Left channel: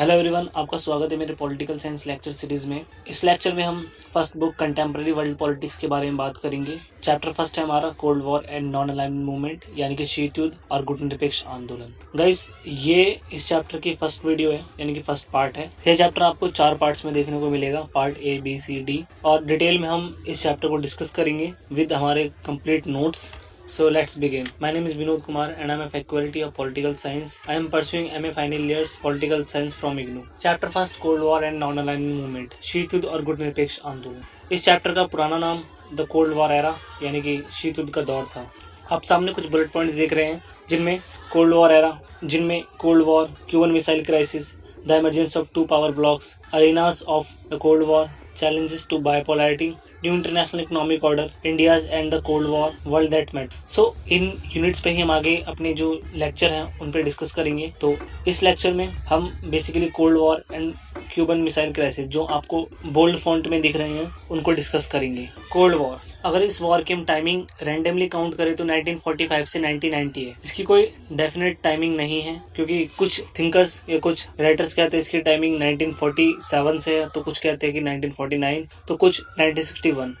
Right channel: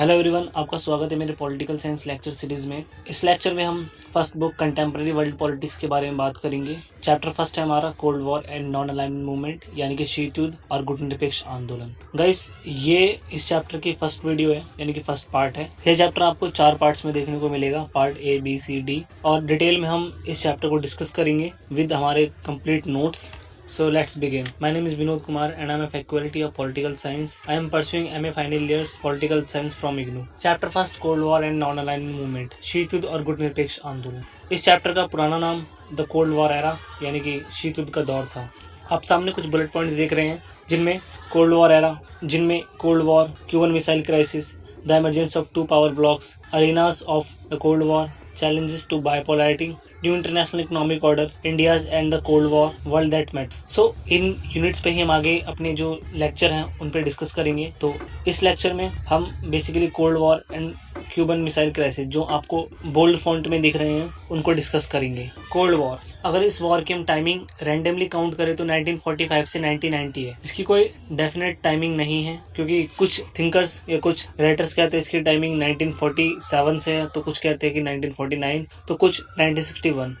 Hello everyone, आपका स्वागत है मेरे पॉलिटिकल साइंस लेक्चर सीरीज में। इस लेक्चर में हम first book contemporary world politics के बारे में बात करेंगे। चैप्टर फर्स्ट है हमारा cold war and non alignment movement, यानी कि शीत युद्ध और गुटनिरपेक्ष आंदोलन। गाइस, ये इस चैप्टर की फर्स्ट वीडियो है, यानी कि फर्स्ट पार्ट है। यह चैप्टर आपको 4 पार्ट्स में देखने को मिलेगा, part A, B, C, D, और डिटेल में हम इस चैप्टर को डिस्कस करेंगे विद हमारे complete notes. So let's begin. My name is Vinod Kumar and I am a faculty of Political Science. I am pursuing MA final years Political Science from IGNOU. Chapter first, Cold War and Non-Alignment Movement, शीत युद्ध और गुटनिरपेक्ष आंदोलन। इस chapter का पुराना नाम the cold war era, यानी कि शीत युद्ध का दौर था। आप सामने कुछ बुलेट पॉइंट्स देख रहे हैं जिनमें कोल्ड वॉर एरा, जिनमें cold war, Q1 missile crisis, the emergence of 2 power blocks, arenas of the cold war, challenges to bipolarity, new international economic order, India's and the Cold War, world that met। So in units पे ही हम आगे अपने जो lecture हैं उन पे discuss करेंगे। तो इस लेक्चर में हम basically cold war and Cuban missile crisis, जो आपको बोल्ड फॉन्ट में दिख रहे हैं, उनको डिस्कस करेंगे। कोल्ड वॉर, अगर इस वॉर की हम टाइमिंग रैंडमली काउंट करें तो 1945 से 1990 है। इसकी कोई डेफिनेट टाइमिंग नहीं है, क्योंकि कुछ थिंकर्स या कुछ राइटर्स कहते हैं इसकी टाइमिंग 1947 से है, तो कुछ कहते हैं कि 1949, तो कुछ 1961।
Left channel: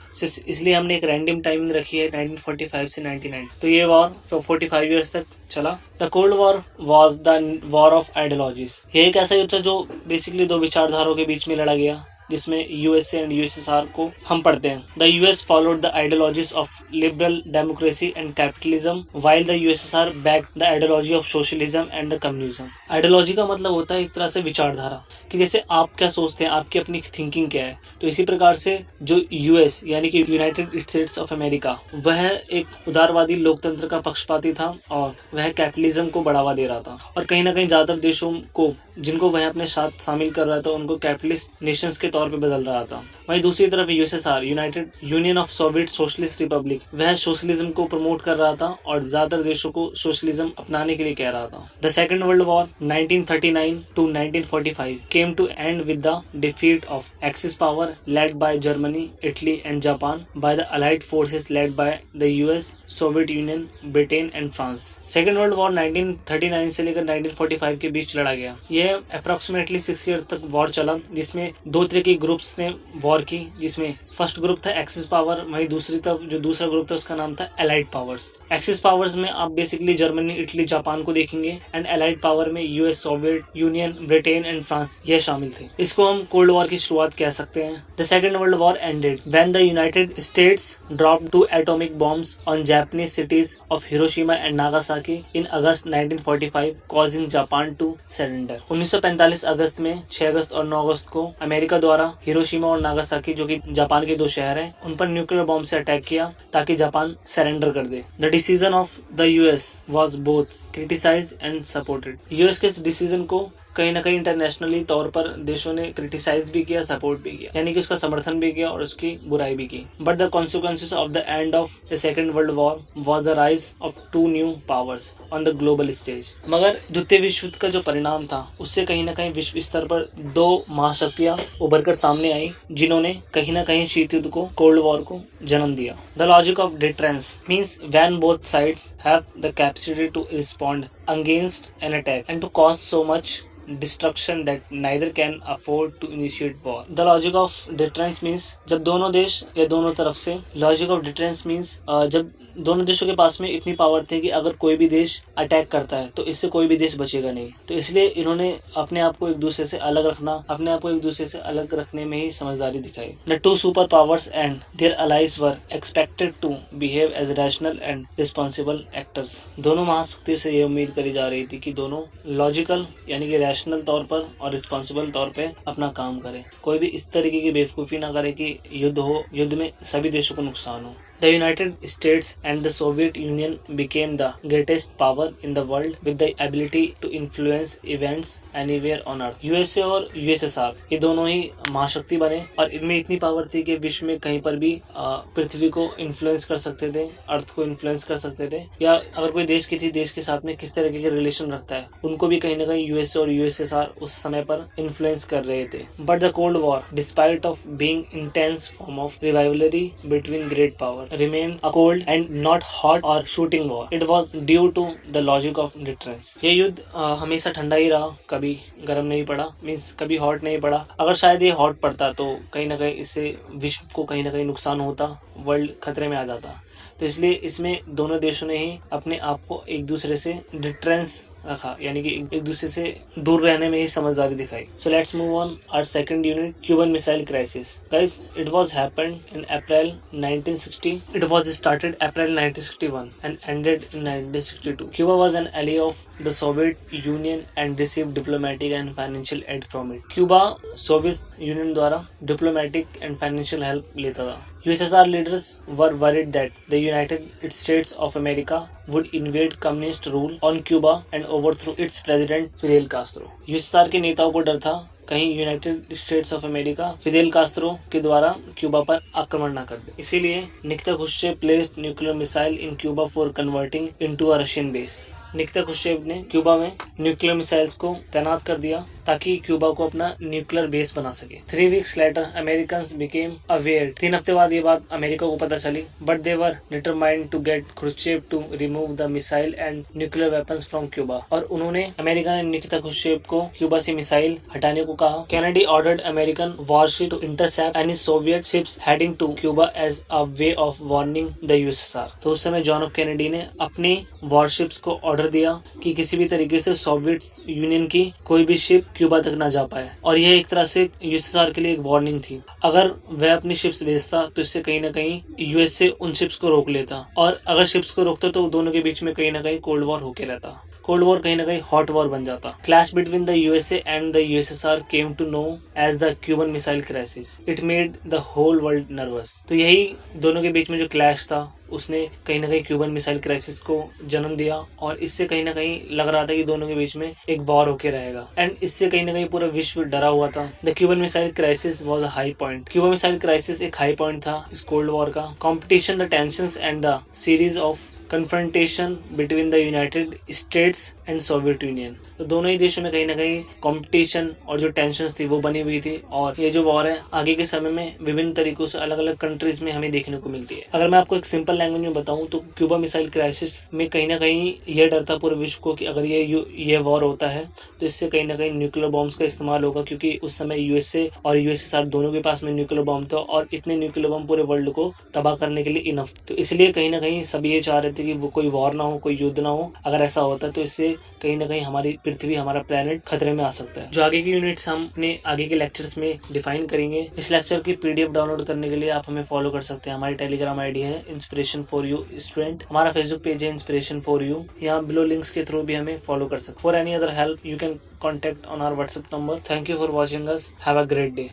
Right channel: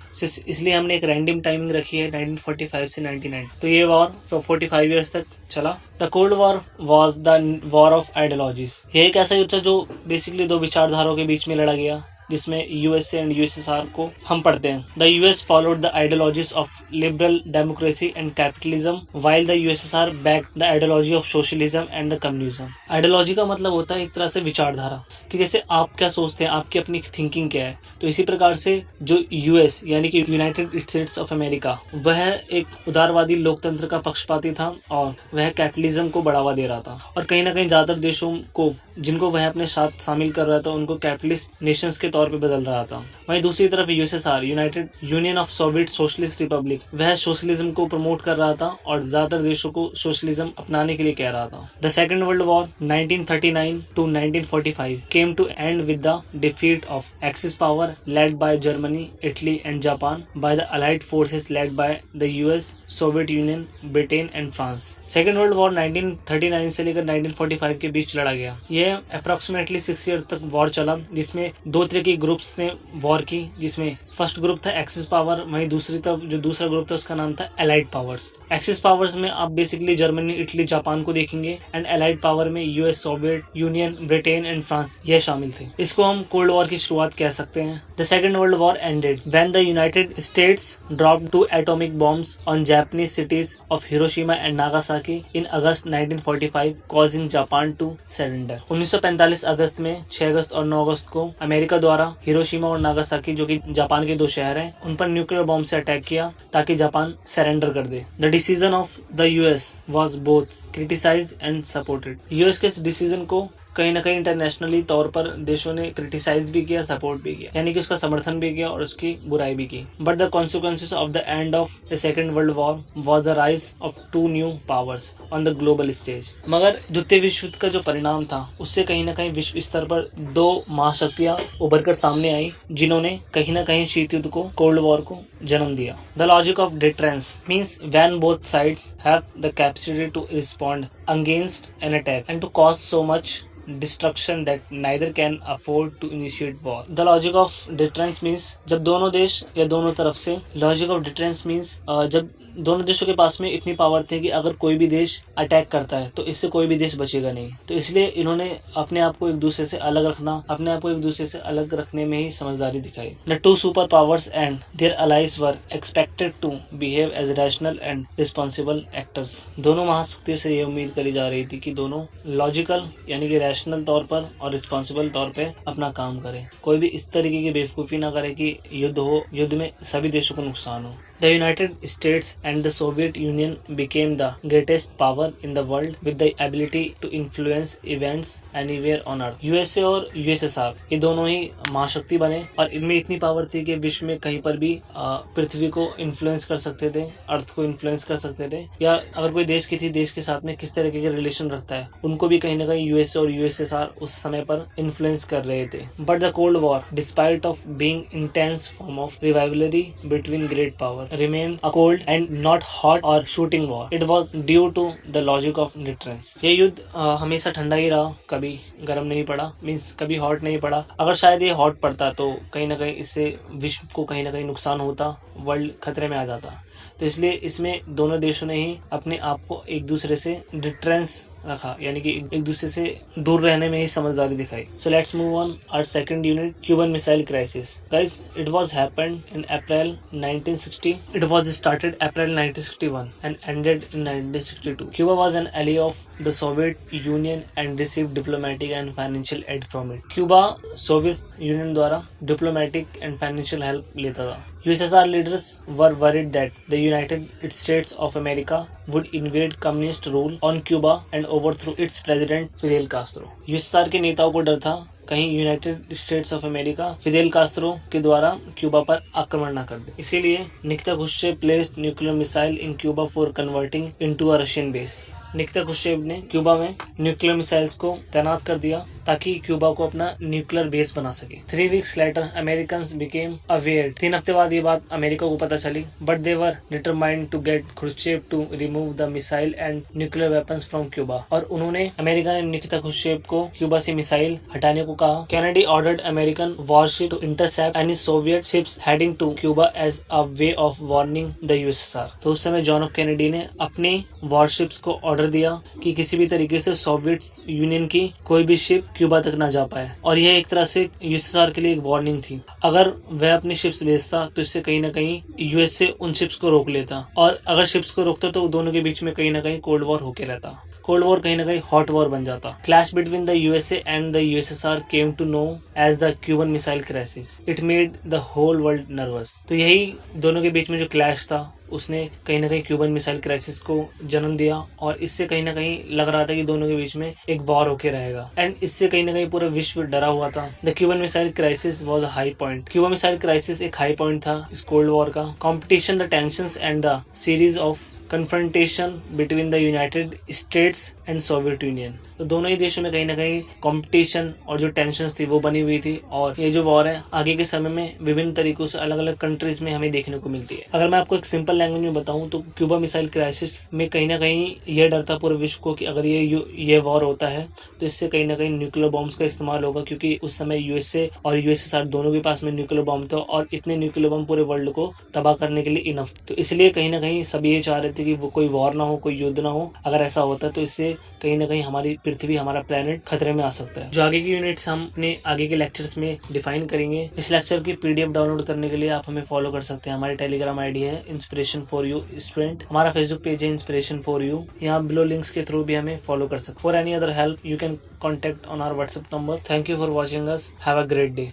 इसलिए हमने एक रैंडम टाइमिंग रखी है 1945 से 1990। तो ये वॉर 45 ईयर्स तक चला। The cold war was the war of ideologies. ये एक ऐसा युद्ध था जो बेसिकली दो विचारधाराओं के बीच में लड़ा गया, जिसमें यूएसए एंड यूएसएसआर को हम पढ़ते हैं। The US followed the ideologies of liberal democracy and capitalism, while the USSR backed the ideology of socialism and the communism. Ideology का मतलब होता है एक तरह से विचारधारा, कि जैसे आप क्या सोचते हैं, आपकी अपनी थिंकिंग क्या है। तो इसी प्रकार से जो यूएस यानी कि यूनाइटेड स्टेट्स ऑफ अमेरिका, वह एक उदारवादी लोकतंत्र का पक्षपाती था और वह कैपिटलिज्म को बढ़ावा दे रहा था, और कहीं ना कहीं ज्यादातर देशों को जिनको वह अपने साथ शामिल कर रहा था उनको कैपिटलिस्ट नेशंस के तौर पे बदल रहा था। वहीं दूसरी तरफ USSR, United union of Soviet socialist Republic, वह सोशलिज्म को प्रमोट कर रहा था और ज्यादातर देशों को सोशलिज्म अपनाने के लिए कह रहा था। The second world war 1939 to 1945 came to end with the defeat of Axis power led by Germany, Italy and Japan by the Allied forces led by the US, Soviet Union, Britain and France। Second world war 1939 से लेकर 1945 के बीच लड़ा गया। यह approximately 6 year तक war चला, जिसमें दो तरह की ग्रुप्स ने वॉर की, जिसमें फर्स्ट ग्रुप था एक्सिस पावर, वहीं दूसरी तरफ जो दूसरा ग्रुप था उसका नाम था एलाइड पावर्स। एक्सिस पावर्स में आप बेसिकली जर्मनी, इटली, जापान को देखेंगे, एंड एलाइड पावर में US, Soviet union, Britain and France, ये शामिल थे। इसको हम कोल्ड वॉर की शुरुआत कह सकते हैं। The second world war ended when the United States dropped 2 atomic bombs on Japanese cities of Hiroshima and Nagasaki in August 1945, causing Japan to surrender. 1945 अगस्त में 6 अगस्त और 9 अगस्त को अमेरिका द्वारा हिरोशिमा और नागासाकी, जो कि जापान के 2 शहर हैं, उन पर न्यूक्लियर बॉम्ब से अटैक किया ताकि जापान सरेंडर कर दे। The decision of the US was both criticised and supported. US के इस डिसीजन को कहीं ना कहीं इंटरनेशनली तौर पर देशों ने क्रिटिसाइज भी किया, सपोर्ट भी किया, यानी कि उसका समर्थन भी किया और उसकी बुराई भी की। But the consequences of the end of the second world war was the rise of 2 new powers on the global stage. मगर द्वितीय विश्व युद्ध का जो परिणाम था, उससे कहीं ना कहीं विश्व स्तर पर 2 महाशक्तियां उभर कर सामने आई, जिन्होंने कहीं ना कहीं शीत युद्ध को, कोल्ड वॉर को जन्म दिया। The logic of deterrence means when both sides have the capacity to respond against an attack and to cause so much destruction that neither can afford to initiate war। The logic of deterrence means जब दोनों देश या दोनों तरफ से, logic of deterrence means जब दोनों देशों के पास में इतनी पावर थी कि अगर कोई भी देश अटैक करता है तो इससे कोई भी देश बचेगा नहीं। तो इसलिए इन्होंने अपने आप को एक दूसरे से अलग रखना, अपने आप को एक दूसरे से अलग रखने में ही समझदारी दिखाई। The 2 super powers and their allies were expected to behave as rational and responsible actors। दोनों महाशक्तियों से ये उम्मीद करी जा रही थी कि दोनों लॉजिकल यानी कि रैशनल तौर पर और रिस्पॉन्सिबल तौर पे अपना काम करें। कोई भी इस तरीके की बेवकूफ़ी ना करे कि युद्ध हो, युद्ध में सभी देशों को नुकसान हो। The United States and the Soviet Union became the greatest power in the world with the ability to influence events anywhere on earth। USA और यूएसएसआर ये दोनों ही महाशक्ति बने और इनमें इतनी पावर थी कि विश्व में कहीं पर भी पृथ्वी को इन्फ्लुएंस कर सकते थे, अर्थ को इन्फ्लुएंस कर सकते थे, या अगर कोई देश किसी देश के साथ में किस तरीके के रिलेशन रखता है उनको भी कहीं ना कहीं यूएसए और यूएसएसआर उस समय पर इन्फ्लुएंस कर रहे थे। But the cold war, despite of being intense form of rivalry between great power, remained a cold and not hot और shooting war, it was due to the logic of deterrence. ये युद्ध हमेशा ठंडा ही रहा, कभी गर्म नहीं पड़ा, मीन्स कभी हॉट नहीं पड़ा। अगर शायद ये हॉट पड़ता तो कहीं ना कहीं इससे विश्व को कहीं ना कहीं नुकसान होता, वर्ल्ड खतरे में आ जाता। तो इसलिए इसमें दोनों देशों ने ही अपने आप को एक दूसरे से डिटरेंस रखा, यानी कि एक दूसरे से दूर रहने में ही समझदारी दिखाई। So let's move on our second unit, Cuban missile crisis. Guys, it was happened in April 1960। It was started April 1961 and ended in 1962। Cuba was an ally of the Soviet Union and received diplomatic and financial aid from it. Cuba Soviet union द्वारा diplomatic and financial help लेता था। USSR leaders were worried that the United States of America would invade communist rule on Cuba and overthrow its president Fidel Castro. USSR के नेताओं को डर था कहीं United states of America Fidel Castro के द्वारा क्यूबा पर आक्रमण न कर दे। इसीलिए Nikita Khrushchev placed nuclear missile in Cuba for converting into a Russian base. Nikita Khrushchev ने क्यूबा में न्यूक्लियर मिसाइल्स को तैनात कर दिया ताकि क्यूबा को अपना न्यूक्लियर बेस बना सके। 3 weeks later, Americans became aware. 3 हफ्ते बाद ये बात अमेरिका को पता चली, but they were determined to get Khrushchev to remove the missile and nuclear weapons from Cuba. और उन्होंने अमेरिका ने निकिता खुश्चेव को क्यूबा से मिसाइल हटाने को कहा। Kennedy ordered American warship to intercept any Soviet ships heading to Cuba as a way of warning the USSR. तो उस समय जॉन एफ कैनेडी ने अपनी वॉरशिप्स को ऑर्डर दिया कि किसी भी तरीके से सोवियत यूनियन की कोई भी शिप क्यूबा तक ना जा पाए, और यह एक तरह से यूएसएसआर के लिए एक वार्निंग थी। अगर वह अपनी शिप्स भेजता तो इससे कहीं ना कहीं यूएसए उन शिप्स को रोक लेता, और अगर शिप्स को रोकता तो दोनों के बीच में कहीं ना कहीं कोल्ड वॉर होके रहता। कोल्ड वॉर कहीं ना कहीं हॉट वॉर बन जाता। Clash between the USA and the USSR came to know as the Cuban missile crisis. It made the whole world nervous. तो यही दोनों के बीच में जो क्लैश था उसने कहीं ना कहीं क्यूबन मिसाइल क्राइसिस को जन्म दिया, और इससे कहीं ना कहीं लग रहा था कि दोनों के बीच में एक वॉर होके रहेगा, एंड इससे कहीं ना कहीं पूरा विश्व डरा हुआ था। The Cuban missile crisis was a high point. Cuban missile crisis एक हाई पॉइंट था इस कोल्ड वॉर का। Competition, the tensions and the series of confrontation between the United states and Soviet union. तो दोनों ही देशों में कहीं ना कहीं कंपटीशन और जो टेंशंस थी वो बनी हुई थी, और ये जो वॉर है आगे के समय में विभिन्न तरीकों से अलग अलग कंट्रीज में हमें देखने को मिलती है। अगर मैं आपको एक सिंपल लैंग्वेज में बताऊं तो क्यूबा मिसाइल क्राइसिस में कहीं ना कहीं यह डर था पूरे विश्व को कि अगर ये वॉर होता है तो इससे कहीं ना कहीं न्यूक्लियर बॉम्ब्स का इस्तेमाल होगा, क्योंकि उस समय यूएसए और यूएसएसआर दोनों के पास में न्यूक्लियर बॉम्ब था, और इतने न्यूक्लियर बॉम्ब पूरे वर्ल्ड को तबाह करने के लिए इनफ। तो इसलिए कहीं ना कहीं सब ये चाह रहे थे कि वो कोई वॉर ना हो, कोई युद्ध ना हो। अगर ऐसा होता तो इससे कहीं ना कहीं हमारी पृथ्वी, हमारा प्लेनेट खतरे में आ सकता है। जो आगे की यूनिट्स हम अपने आगे के लेक्चर्स में डिफाइन करेंगे। इस लेक्चर की पीडीएफ डाउनलोड करने के लिए आप हमें फॉलो कर सकते हैं। हमारी टेलीग्राम आईडी है इंस्पिरेशन फॉर यू स्टूडेंट। हमारा फेसबुक पेज है इंस्पिरेशन फॉर यू। यहाँ बिलो लिंक्स के थ्रू भी हमें फॉलो कर सकते हैं। For any other help you can contact on our WhatsApp number. Thank you for watching us. Have a great day.